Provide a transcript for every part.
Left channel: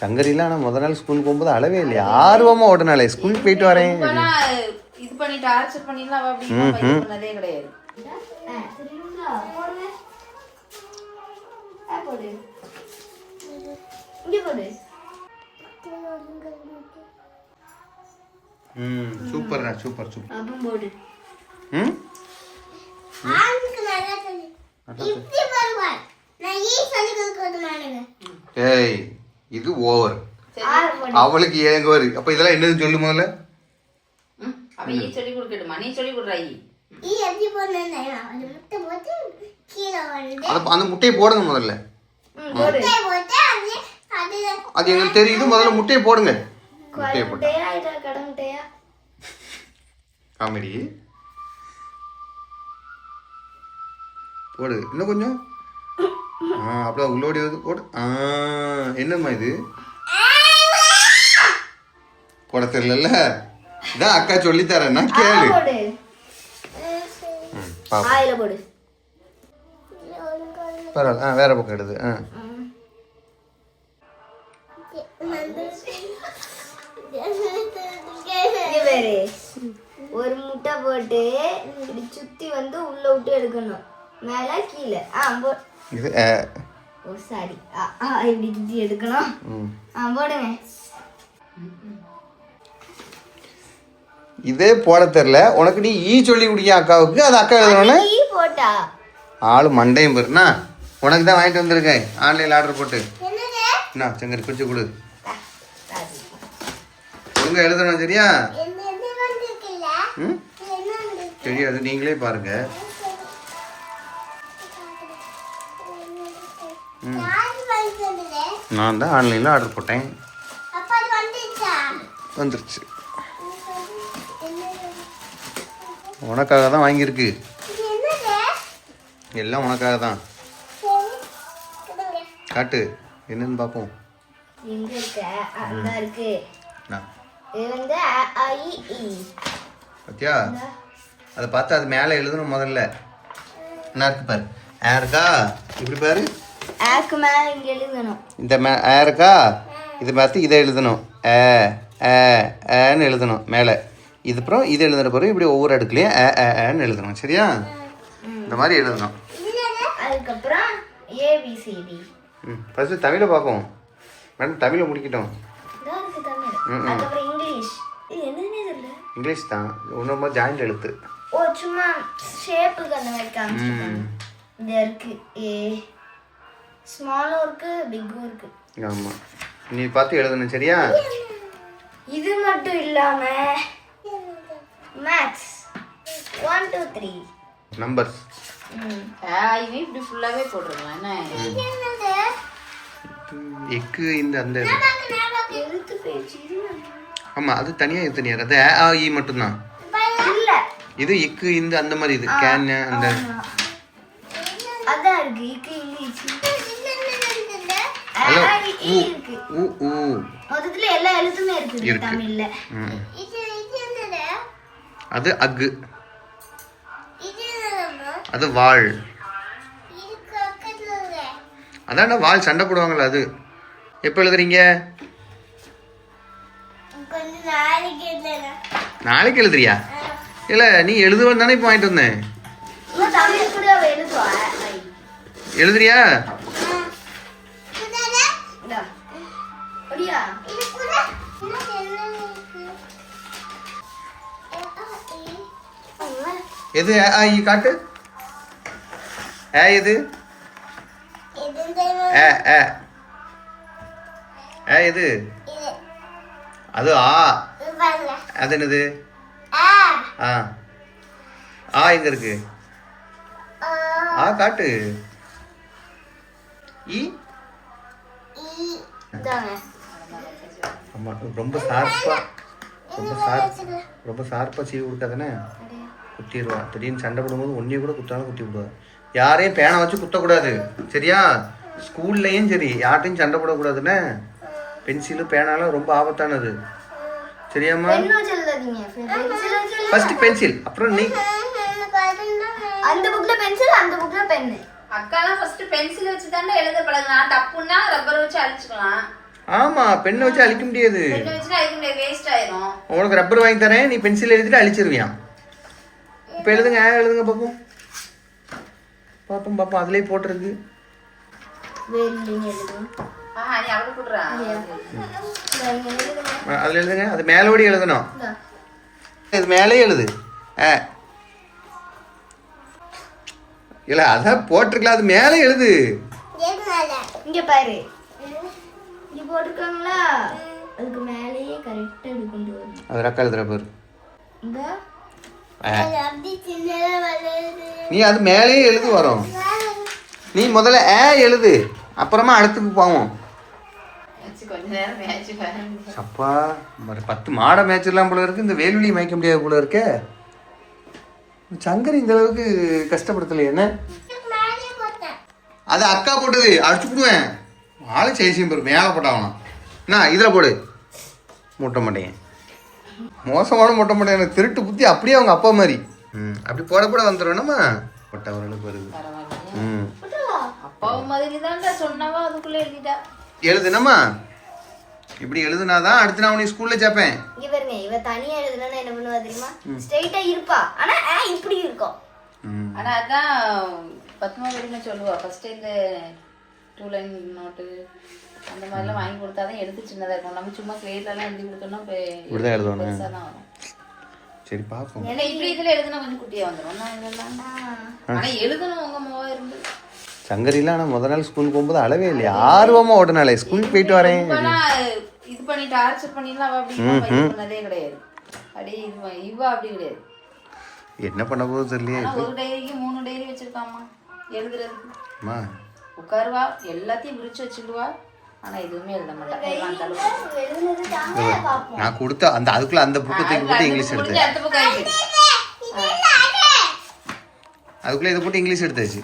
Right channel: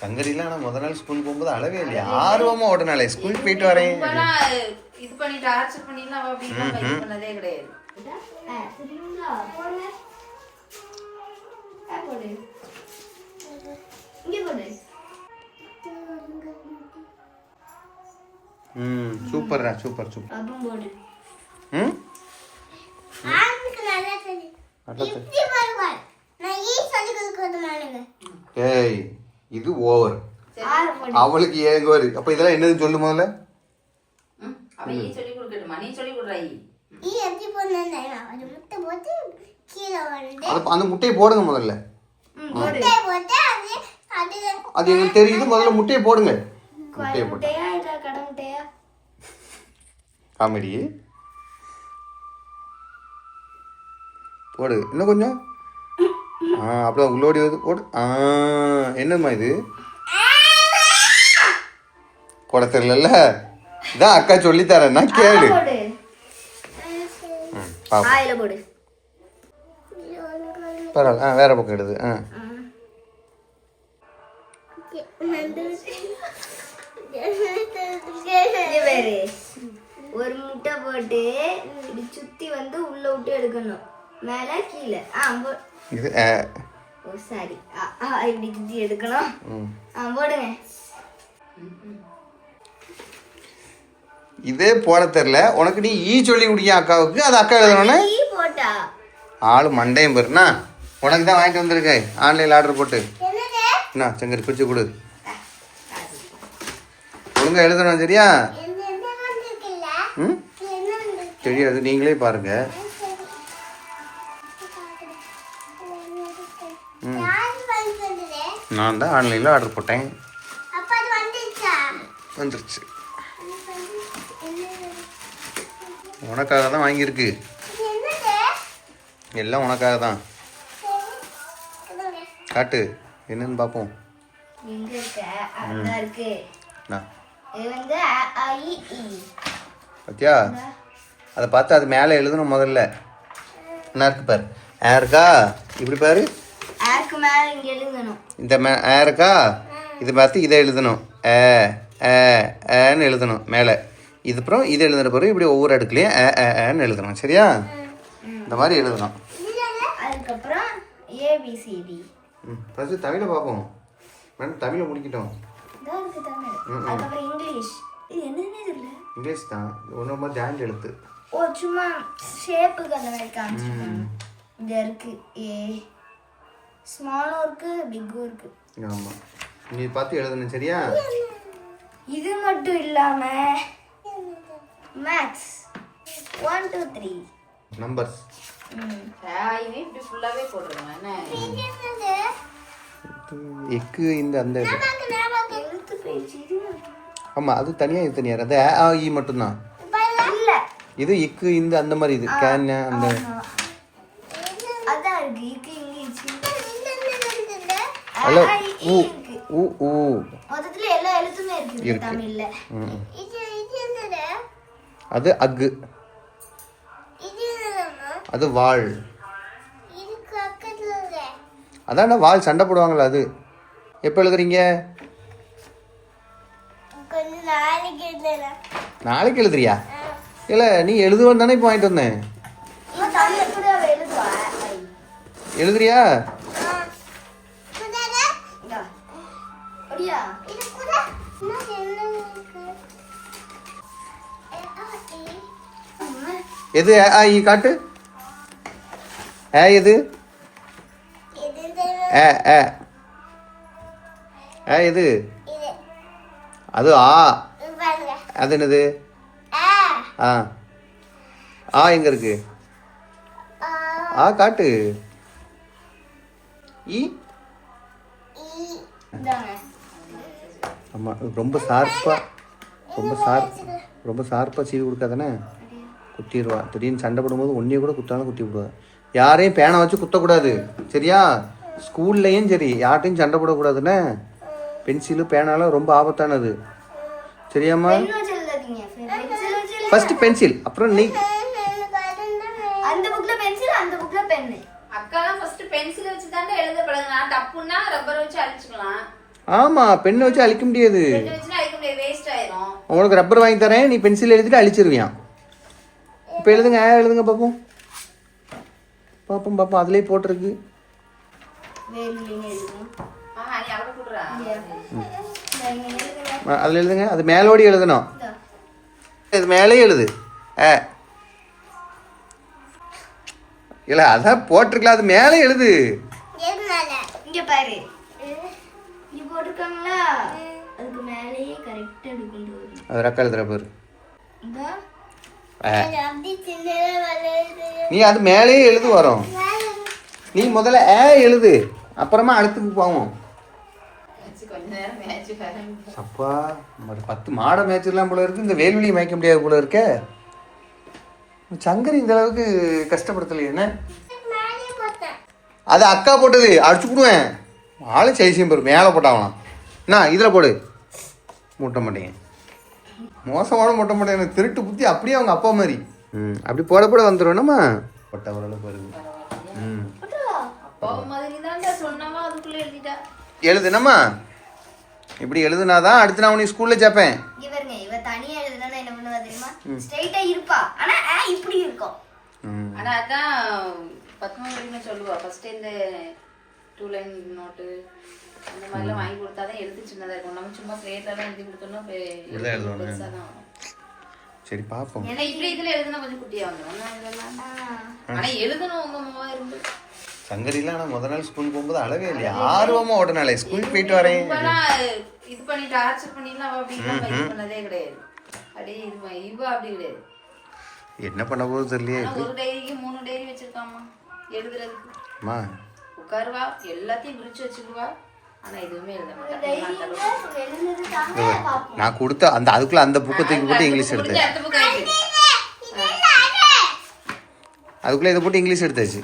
சங்கரில ஆனால் முதல் நாள் ஸ்கூல் போகும்போது அளவே இல்லையா, ஆர்வமாக ஓடினாலே ஸ்கூல் போயிட்டு வரேன். இது பண்ணிட்டு ஆர்ச்சர் பண்ணிடலாம் அப்படின்னு பண்ணதே கிடையாது. சூப்பர்டா, சூப்பர் சூப்பர். ஏய் இது ஓவர், அவளுக்கு ஏங்க வரு. அப்ப இதெல்லாம் என்னன்னு சொல்லு முதல்ல. சொல்லி கொடுக்கட்டுமா, நீ சொல்லி கொடுறாய். அந்த முட்டையை போடுங்க முதல்ல. அது எங்களுக்கு தெரியுது, முதல்ல முட்டையை போடுங்க. முட்டையை போட்டு காமெடி போடு, இன்னும் கொஞ்சம். அப்படிதான் உள்ளோடி வந்து போடு. என்னம்மா இது போட தெரியல, இதான் அக்கா சொல்லி தரேன்னா கேளு. பரவாயில்ல, வேற பக்கம் எடுது. ஒரு முட்டை போட்டு இப்படி சுத்தி வந்து உள்ள விட்டு எடுக்கணும், மேல கீழே. ஓ சாரி, இப்படி சுத்தி எடுக்கணும். போடுங்க. இதே போட தெரியல உனக்கு, நீ ஈ சொல்லி குடிக்க அக்காவுக்கு, அது அக்கா எழுதணும்னு போட்டா ஆளு மண்டையும் பெருனா. உனக்கு தான் வாங்கிட்டு வந்திருக்கேன் ஆன்லைனில் ஆர்டர் போட்டு. என்ன சங்கரி கொஞ்சம் கொடு, ஒழுங்கா எழுதணும் சரியா? தெரியாது, நீங்களே பாருங்க. நான் தான் ஆன்லைனில் ஆர்டர் போட்டேன், வந்துருச்சு. உனக்காக தான் வாங்கியிருக்கு, எல்லாம் உனக்காக தான். காட்டு என்னன்னு பார்ப்போம். பத்தியா, அதை பார்த்து அது மேலே எழுதணும் முதல்ல. என்ன இருக்கு பாரு, இருக்கா இப்படி பாரு, இந்த இருக்கா, இது பார்த்து இதை எழுதணும். ஏன்னு எழுதணும் மேலே. இது அப்புறம் இது எழுதுன பிறகு இப்படி ஒவ்வொரு அடுக்குலையும் ஏன்னு எழுதணும் சரியா? இந்த மாதிரி எழுதணும். அதுக்கப்புறம் ஏபிசிடி. ஃபர்ஸ்ட் தமிழை பார்ப்போம் மேடம், தமிழை முடிக்கிட்டோம். இங்கிலீஷ் தான், ஒன்று ஜாயிண்ட் எழுத்து. ஓ சும்மா ஷேப்புக்கு அந்த மாதிரி காமிச்சிருக்காங்க. இது இருக்கு, ஏ ஸ்மாலும் இருக்கு பிக்கும் இருக்கு. ஆமாம், நீ பார்த்து எழுதணும் சரியா? இது மட்டும் இல்லாம மேக்ஸ் 1 2 3 நம்பர்ஸ். இது இப்படி ஃபுல்லாவே போடுறோம். என்ன எக்கு இந்த அந்த எழுத்து பேச்சு. ஆமாம், அது தனியாக இது தனியாக, அது இ மட்டும்தான். இது இக்கு இந்த அந்த மாதிரி, இது கேன் அந்த அதான் இருக்கு. இக்கு இங்கிலீஷ். ஹலோ ஊ ஊ ஊ மொத்தத்துல எல்லா எழுத்துமே இருக்கு தமிழ்ல. அது அக்கு, அது வாள். அதான்டா வாள், சண்டை போடுவாங்களா அது. எப்போ எழுதுறீங்க? நாளைக்கு எழுதுறியா? இல்லை நீ எழுதுவேன்னு தானே இப்போ வாங்கிட்டு வந்தேன். எழுதுறியா? எது காட்டு. எது எது? அது அது என்னது? எங்க இருக்கு? காட்டு. ஆமா, ரொம்ப ஷார்ப்பா சீவி கொடுக்காதானே குத்திடுவா. திடீர்னு சண்டை போடும்போது ஒன்றைய கூட குத்தாலும் குத்தி விடுவா. யாரையும் பேனை வச்சு குத்தக்கூடாது சரியா? ஸ்கூல்லையும் சரி, யார்ட்டையும் சண்டை போடக்கூடாதுன்னு. பென்சிலு பேனாலும் ரொம்ப ஆபத்தானது சரியாம்மா? ஃபர்ஸ்ட் பென்சில், அப்புறம் நீ அந்த புக்ல பென்சில், அந்த புக்ல பென். அக்காலாம் ஃபர்ஸ்ட் பென்சில் வச்சு தானே எழுத பழகலாம். தப்புன்னா ரப்பர் வச்சு அழிச்சுக்கலாம். ஆமாம் பெண்ணை வச்சு அழிக்க முடியாது. பெண்ணை வச்சுனா அழிக்க முடியாது, வேஸ்ட் ஆயிரும். உங்களுக்கு ரப்பர் வாங்கி தரேன், நீ பென்சில் எழுதிட்டு அழிச்சிருவியான். இப்போ எழுதுங்க எழுதுங்க பார்ப்போம். பார்ப்போம் அதுலேயே போட்டிருக்கு. நீ அவளை கொடுறா. அதில் எழுதுங்க, அது மேலோடி எழுதணும். இது மேலே எழுது. இல்லை அதான் போட்டிருக்கலாம், அது மேலே எழுது. இங்க பாரு, இங்க போட்டுக்கோங்களா, அதுக்கு மேலேயே கரெக்டா இப்படி கொண்டு வரணும். அது ரக்கா எழுதுற பாரு. நீ அது மேலேயே எழுது வரும். நீ முதல்ல எழுது, அப்புறமா அடுத்துக்கு போவோம். கொஞ்ச நேரம் மேட்ச் பாரு. அப்பா ஒரு 10 மாடை மேய்ச்சிடலாம் போல இருக்கு. இந்த வேல்வெளியை மேய்க்க முடியாது போல இருக்க. சங்கரி இந்த அளவுக்கு கஷ்டப்படுத்தலை என்ன? அது அக்கா போட்டது, அடிச்சு போடுவேன். ஆளு சைசியம் பாரு, மேலே போட்டாங்களாம். என்ன இதில் போடு. மூட்ட மாட்டேங்க, மோசமான மூட்ட மாட்டேன். எனக்கு திருட்டு புத்தி அப்படியே அவங்க அப்பா மாதிரி. அப்படி போட போட வந்துடும் நம்ம போட்ட ஓரளவுக்கு வருது. அப்பாவும் மாதிரி தான்டா சொன்னாவா, அதுக்குள்ள எழுதிட்டா. எழுதுனம்மா, இப்படி எழுதுனாதான் அடுத்து நான் உன்னை ஸ்கூல்ல சேர்ப்பேன். இவருங்க இவ தனியா எழுதுனா என்ன பண்ணுவா தெரியுமா? ஸ்ட்ரைட்டா இருப்பா, ஆனா இப்படி இருக்கும். ஆனா அதான் பத்மா வரைக்கும் சொல்லுவா, ஃபர்ஸ்ட் இந்த 2 லைன் நோட்டு அந்த மாதிரிலாம் வாங்கி கொடுத்தாதான் எழுத்து சின்னதா இருக்கும். நம்ம சும்மா ஸ்லேட்லாம் எழுதி கொடுத்தோம்னா இப்படிதான் எழுதணும். பெருசா தான் வரும். சரி பாப்போம். ஏன்னா இப்படி இதுல எழுதுனா கொஞ்சம் குட்டியா வந்துடும். ஆனா எழுதணும் உங்க முகம் இருந்து. சங்கரிலாம் ஆனால் முதல் நாள் ஸ்கூலுக்கு போகும்போது அளவே இல்லையா, ஆர்வமாக ஓடினாலே ஸ்கூலுக்கு போயிட்டு வரேன். இது பண்ணி டார்ச்சர் பண்ணிடலாம் அப்படின்னு பண்ணதே கிடையாது. அப்படியே இவ அப்படி கிடையாது. என்ன பண்ண போகுது தெரியலையே. ஒரு டைரிக்கு 3 டைரி வச்சிருக்காமா எழுதுறதுக்கு. அம்மா உட்காருவா, எல்லாத்தையும் விரிச்சு வச்சுக்குவா, ஆனா எதுவுமே எழுத மாட்டா. நான் கொடுத்த அந்த அதுக்குள்ள அந்த புக்கை தூக்கி போட்டு இங்கிலீஷ் எடுத்தேன். அடுத்த பக்கம் இருக்கு. அதுக்குள்ள இதை போட்டு இங்கிலீஷ் எடுத்தாச்சு.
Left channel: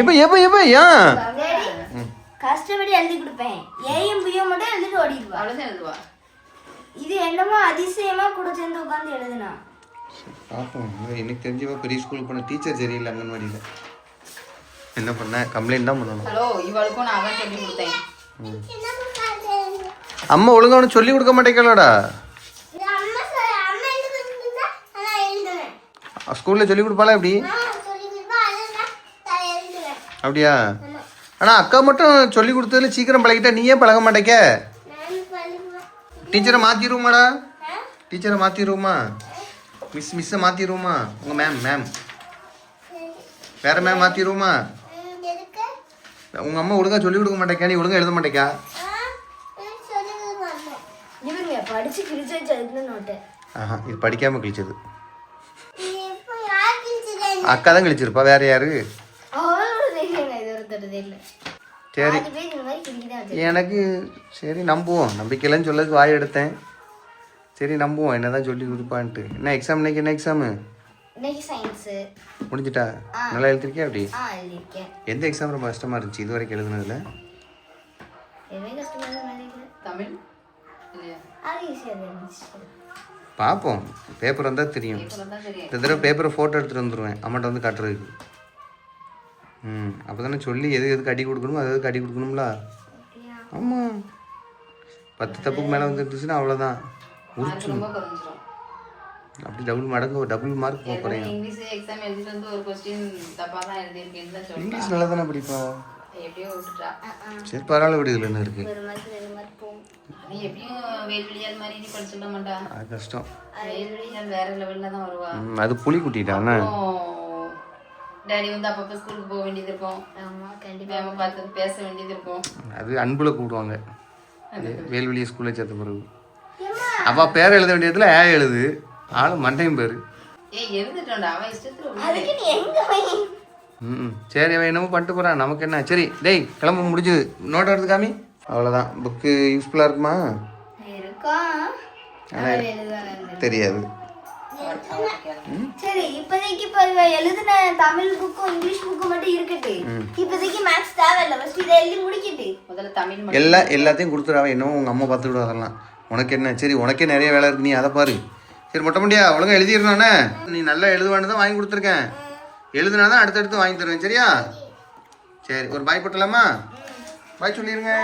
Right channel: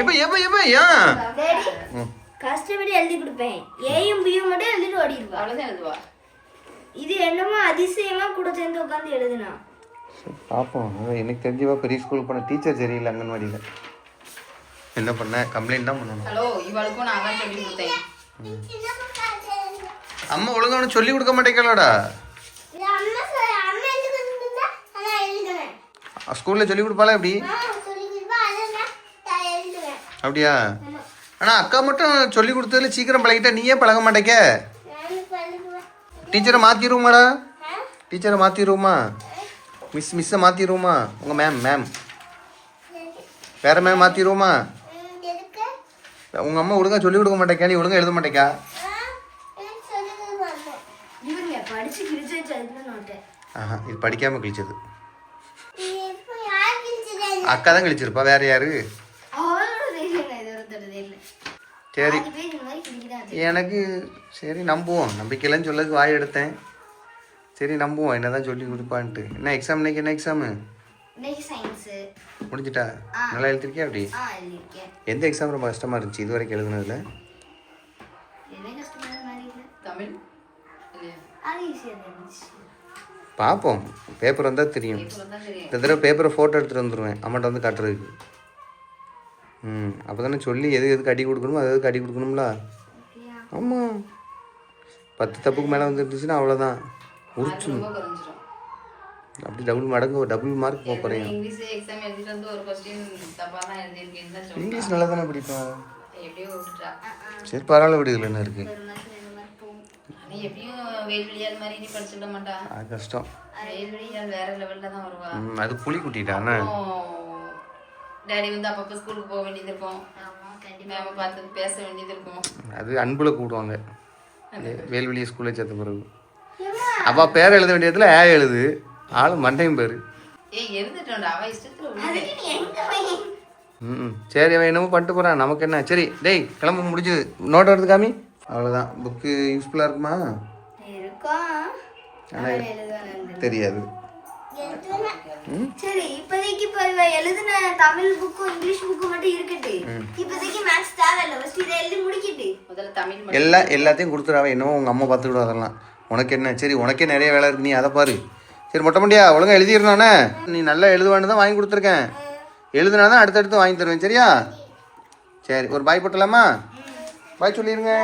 எப்ப எப்ப எப்ப ஏன் கஷ்டப்படி எழுதி கொடுப்பேன். ஏயும் பியும் மட்டும் எழுதிட்டு ஓடிடுவா. அவ்வளவுதான் எழுதுவா. இது என்னமோ அதிசயமா கூட சேர்ந்து உட்காந்து எழுதுனா. பார்ப்போம். எனக்கு தெரிஞ்சவா பெரிய ஸ்கூலுக்கு போன டீச்சர் சரியில்லை அங்கன்வாடியில். என்ன பண்ண கம்ப்ளைண்ட் தான் பண்ணணும். ஹலோ, இவளுக்கும் நான் தான் சொல்லி கொடுத்தேன். அம்மா ஒழுங்கான சொல்லி கொடுக்க மாட்டேங்கலடா. ஸ்கூல்ல சொல்லி கொடுப்பாளா எப்படி? அப்படியா? ஆனால் அக்கா மட்டும் சொல்லி கொடுத்ததுல சீக்கிரம் பழகிட்டா, நீ ஏன் பழக மாட்டேக்க? டீச்சரை மாற்றிடுவோமாடா, டீச்சரை மாற்றிடுவோமா, மிஸ்ஸை மாற்றிடுவோமா, உங்கள் மேம் வேற மேம் மாற்றிடுவோமா? உங்கள் அம்மா ஒழுங்கா சொல்லி கொடுக்க மாட்டேக்கா, நீ ஒழுங்கா எழுத மாட்டேக்கா? ஆஹா, இது படிக்காமல் கிழிச்சது. அக்கா தான் கிழிச்சிருப்பா, வேற யாரு? சரி எனக்கு சரி நம்புவோம். நம்பிக்கையிலன்னு சொல்லதுக்கு வாய் எடுத்தேன். சரி நம்புவோம், என்னதான் சொல்லி கொடுப்பான்ட்டு. என்ன எக்ஸாம் இன்னைக்கு? என்ன எக்ஸாமு முடிஞ்சிட்டா? நல்லா எழுதிருக்கியா? அப்படி எந்த எக்ஸாம் ரொம்ப கஷ்டமா இருந்துச்சு இது வரைக்கும் எழுதுனதுல? தமிழ் பார்ப்போம், பேப்பர் வந்தால் தெரியும். இந்த தடவை பேப்பரை ஃபோட்டோ எடுத்துகிட்டு வந்துடுவேன் அம்மாட்ட வந்து காட்டுறதுக்கு. அப்போ தானே சொல்லி எதுக்கு அடி கொடுக்கணுமோ எதுக்கு அடி கொடுக்கணும்ல. ஆமாம், 10 தப்புக்கு மேலே வந்துருந்துச்சுன்னா அவ்வளோதான், முடிச்சிடும். அப்படி டபுள் மார்க் போக போகிறேன். இங்கிலீஷ் நல்லா தானே படிப்பேன். சரி பரவாயில்ல, விடுதல் என்ன இருக்கு. அது கஷ்டம். அது புளி குட்டிட்டானே. டாடி வந்து அப்பப்போ ஸ்கூலுக்கு போக வேண்டியது இருக்கும், மேம பார்த்து பேச வேண்டியது இருக்கும். அது அன்புல கூப்பிடுவாங்க வேல்வெளியை ஸ்கூலில் சேர்த்த பிறகு. அப்பா பேர் எழுத வேண்டியதுல எழுது, ஆளு மண்டையும் பேரு. சரி அவன் என்னமோ பண்ணிட்டு போறான், நமக்கு என்ன. சரி டேய் கிளம்ப முடிஞ்சுது, நோட் எடுத்து காமி. அவ்வளோதான். புக்கு யூஸ்ஃபுல்லாக இருக்குமா? ஆனால் தெரியாது. சரி இப்போதைக்கு எழுதின தமிழ் புக்கும் இங்கிலீஷ் புக்கும் மட்டும் இருக்கட்டு. இப்போதைக்கு மேத்ஸ் தேவையில்லை, ஃபர்ஸ்ட் இதை எழுதி முடிக்கிட்டு முதல்ல தமிழ் எல்லாத்தையும் கொடுத்துடாவே. என்னமோ உங்கள் அம்மா பார்த்துக்கிட்டு அதெல்லாம் உனக்கு என்ன. சரி உனக்கே நிறைய வேலை இருக்கு, நீ அதை பாரு. சரி மொட்டை முடியா ஒழுங்கா எழுதிடுறானே. நீ நல்லா எழுதுவான்னு தான் வாங்கி கொடுத்துருக்கேன். எழுதுனா தான் அடுத்தடுத்து வாங்கி தருவேன். சரியா? சரி ஒரு பாய் போட்டலாமா? பாய் சொல்லிடுங்க.